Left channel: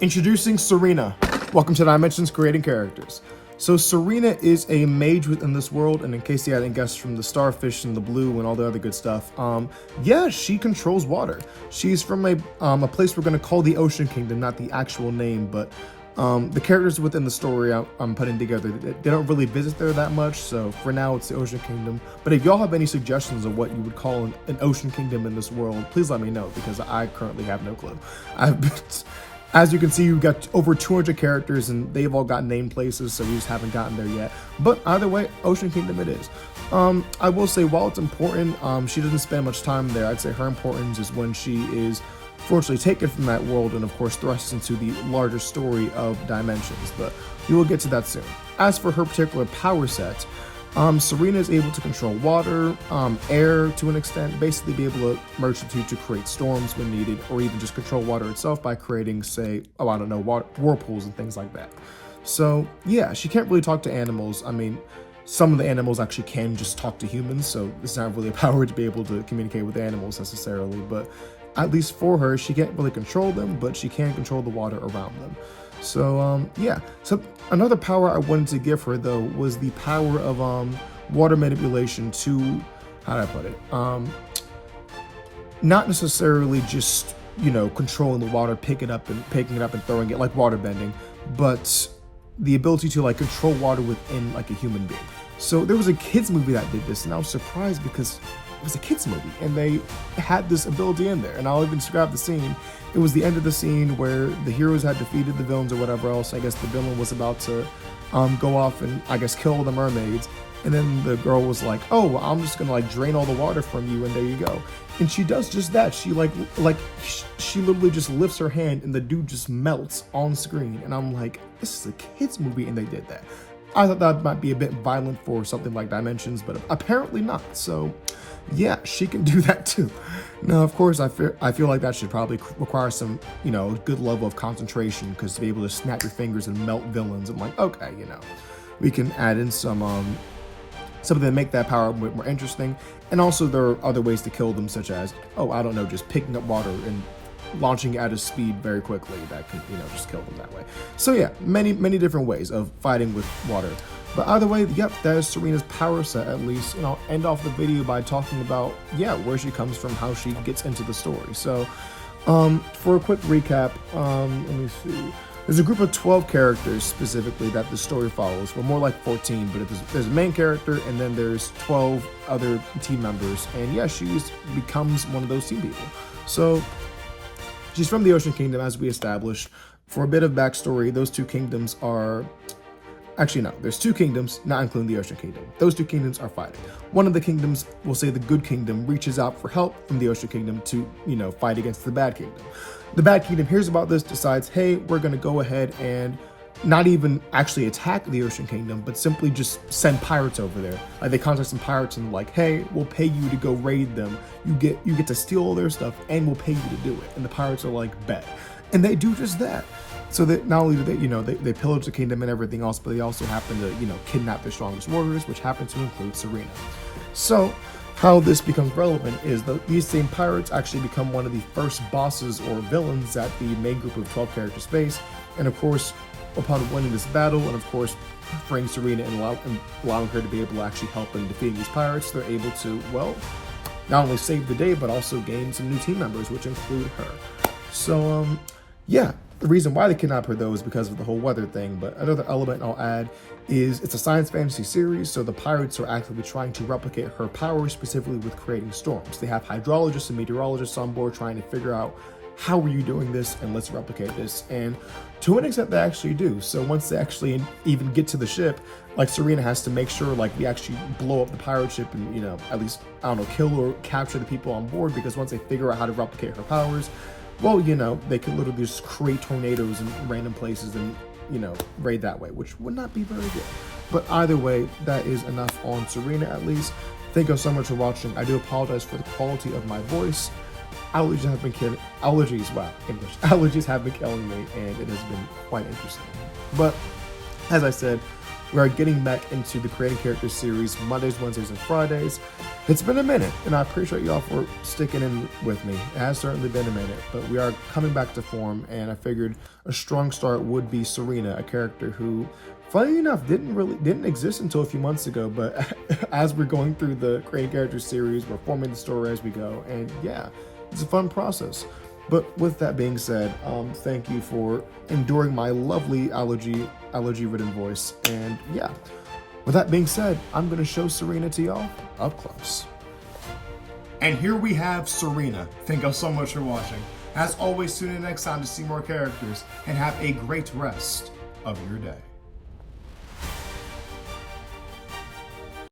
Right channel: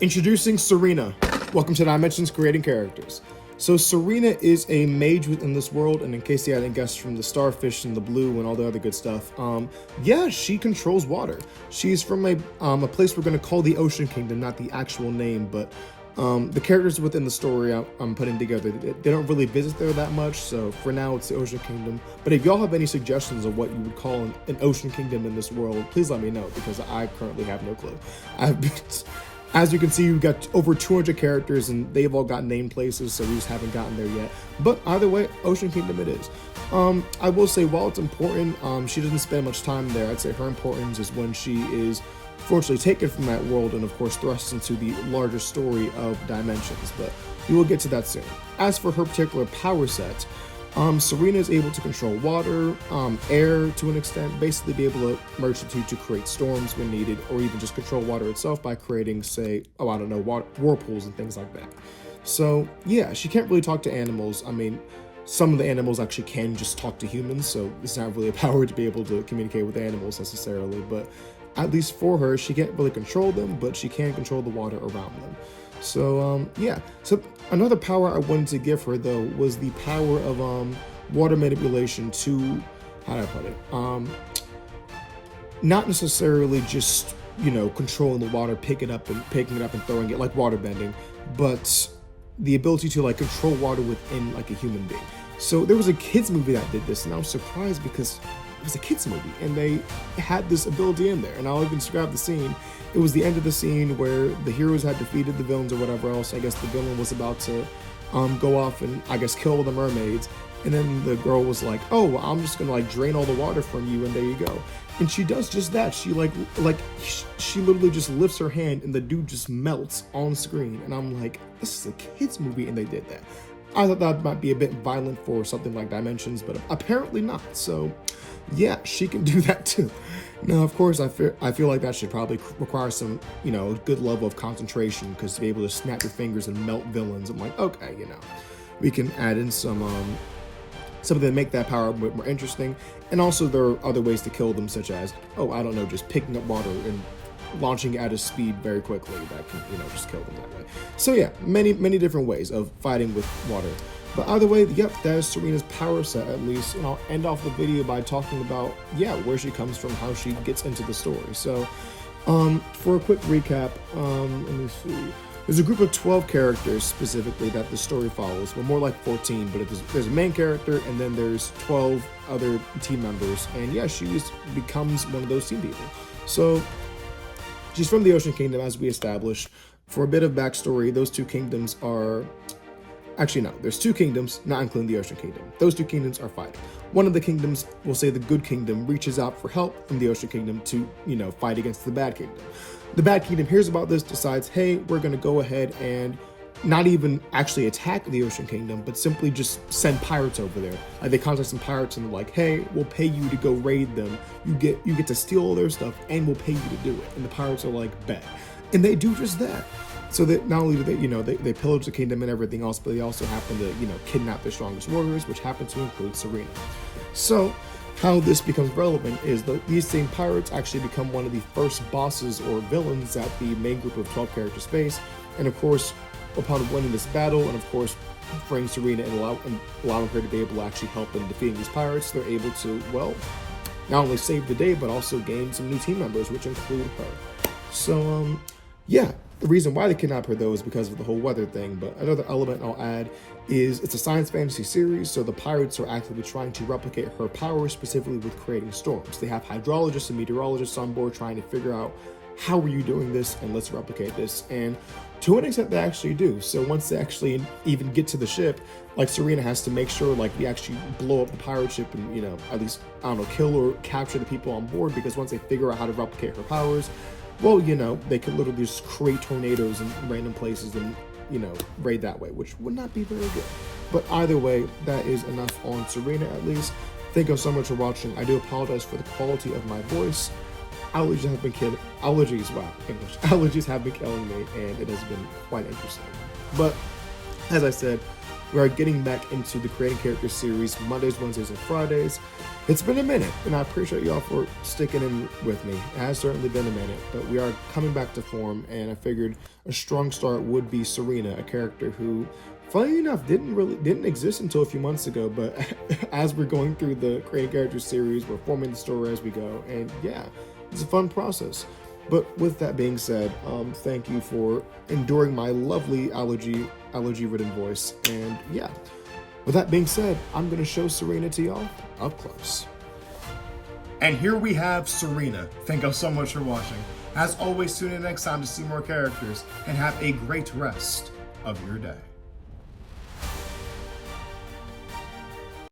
Introducing Serena. Welcome to Dimensions Creating Characters. So Serena is a mage within this world, and in case you hadn't guessed from the starfish and the blue and all the other good stuff, yeah, she controls water. She's from a place we're going to call the Ocean Kingdom, not the actual name, but the characters within the story I'm putting together, they don't really visit there that much, so for now it's the Ocean Kingdom. But if y'all have any suggestions of what you would call an Ocean Kingdom in this world, please let me know, because I currently have no clue. As you can see, we've got over 200 characters, and they've all got named places, so we just haven't gotten there yet. But either way, Ocean Kingdom it is. I will say, while it's important, she doesn't spend much time there. I'd say her importance is when she is fortunately taken from that world and, of course, thrust into the larger story of Dimensions. But we will get to that soon. As for her particular power set, Serena is able to control water, air to an extent, basically be able to merge the two to create storms when needed, or even just control water itself by creating, say, whirlpools and things like that. So yeah, she can't really talk to animals. I mean, some of the animals actually can just talk to humans, so it's not really a power to be able to communicate with animals necessarily, but at least for her, she can't really control them, but she can control the water around them. So yeah, so another power I wanted to give her though was the power of water manipulation to, how do I put it, not necessarily just, you know, controlling the water, picking it up and throwing it like water bending, but the ability to like control water within like a human being. So there was a kids movie that did this, and I was surprised because it was a kids movie and they had this ability in there. And I'll even describe the scene. It was the end of the scene where the heroes had defeated the villains or whatever else. I guess the villain was about to go off and I guess kill the mermaids. And then the girl was like, oh, well, I'm just gonna like drain all the water from you, and there you go. And she does just that. She she literally just lifts her hand and the dude just melts on screen. And I'm like, this is a kids movie and they did that. I thought that might be a bit violent for something like Dimensions, but apparently not. So yeah, she can do that too. Now, of course, I feel like that should probably require some, you know, good level of concentration, because to be able to snap your fingers and melt villains, I'm like, okay, you know, we can add in something to make that power a bit more interesting. And also there are other ways to kill them, such as, oh, I don't know, just picking up water and launching at a speed very quickly that can, you know, just kill them that way. So yeah, many different ways of fighting with water. But either way, yep, that is Serena's power set. At least, you know, end off the video by talking about, yeah, where she comes from, how she gets into the story. So for a quick recap, let me see. There's a group of 12 characters specifically that the story follows. Well, more like 14, but there's a main character and then there's 12 other team members. And yeah, she becomes one of those team people. So she's from the Ocean Kingdom, as we established. For a bit of backstory, those two kingdoms are... Actually, no, there's two kingdoms, not including the Ocean Kingdom. Those two kingdoms are fighting. One of the kingdoms, we'll say the Good Kingdom, reaches out for help from the Ocean Kingdom to, you know, fight against the Bad Kingdom. The Bad Kingdom hears about this, decides, hey, we're going to go ahead and not even actually attack the Ocean Kingdom, but simply just send pirates over there. Like, they contact some pirates and they're like, hey, we'll pay you to go raid them. You get to steal all their stuff and we'll pay you to do it. And the pirates are like, bet. And they do just that. So that not only do they, you know, they pillage the kingdom and everything else, but they also happen to, you know, kidnap their strongest warriors, which happen to include Serena. So how this becomes relevant is that these same pirates actually become one of the first bosses or villains that the main group of 12 characters face. And of course, upon winning this battle, and of course, freeing Serena and allowing her to be able to actually help in defeating these pirates, they're able to, well, not only save the day, but also gain some new team members, which include her. So, yeah. The reason why they kidnap her, though, is because of the whole weather thing. But another element I'll add is it's a science fantasy series, so the pirates are actively trying to replicate her powers, specifically with creating storms. They have hydrologists and meteorologists on board trying to figure out, how are you doing this, and let's replicate this. And to an extent, they actually do. So once they actually even get to the ship, like, Serena has to make sure, like, we actually blow up the pirate ship and, you know, at least, I don't know, kill or capture the people on board, because once they figure out how to replicate her powers, well, you know, they could literally just create tornadoes in random places and, you know, raid that way, which would not be very good. But either way, that is enough on Serena, at least. Thank you so much for watching. I do apologize for the quality of my voice. Allergies have been killing Allergies have been killing me, and it has been quite interesting. But as I said, We are getting back into the Creating Characters series Mondays, Wednesdays, and Fridays. It's been a minute, and I appreciate y'all for sticking in with me. It has certainly been a minute, but we are coming back to form, and I figured a strong start would be Serena, a character who, funny enough, didn't exist until a few months ago, but as we're going through the Creating Characters series, we're forming the story as we go, and yeah, it's a fun process. But with that being said, thank you for enduring my lovely allergy-ridden voice. And yeah, with that being said, I'm going to show Serena to y'all up close. And here we have Serena. Thank y'all so much for watching. As always, tune in next time to see more characters, and have a great rest of your day.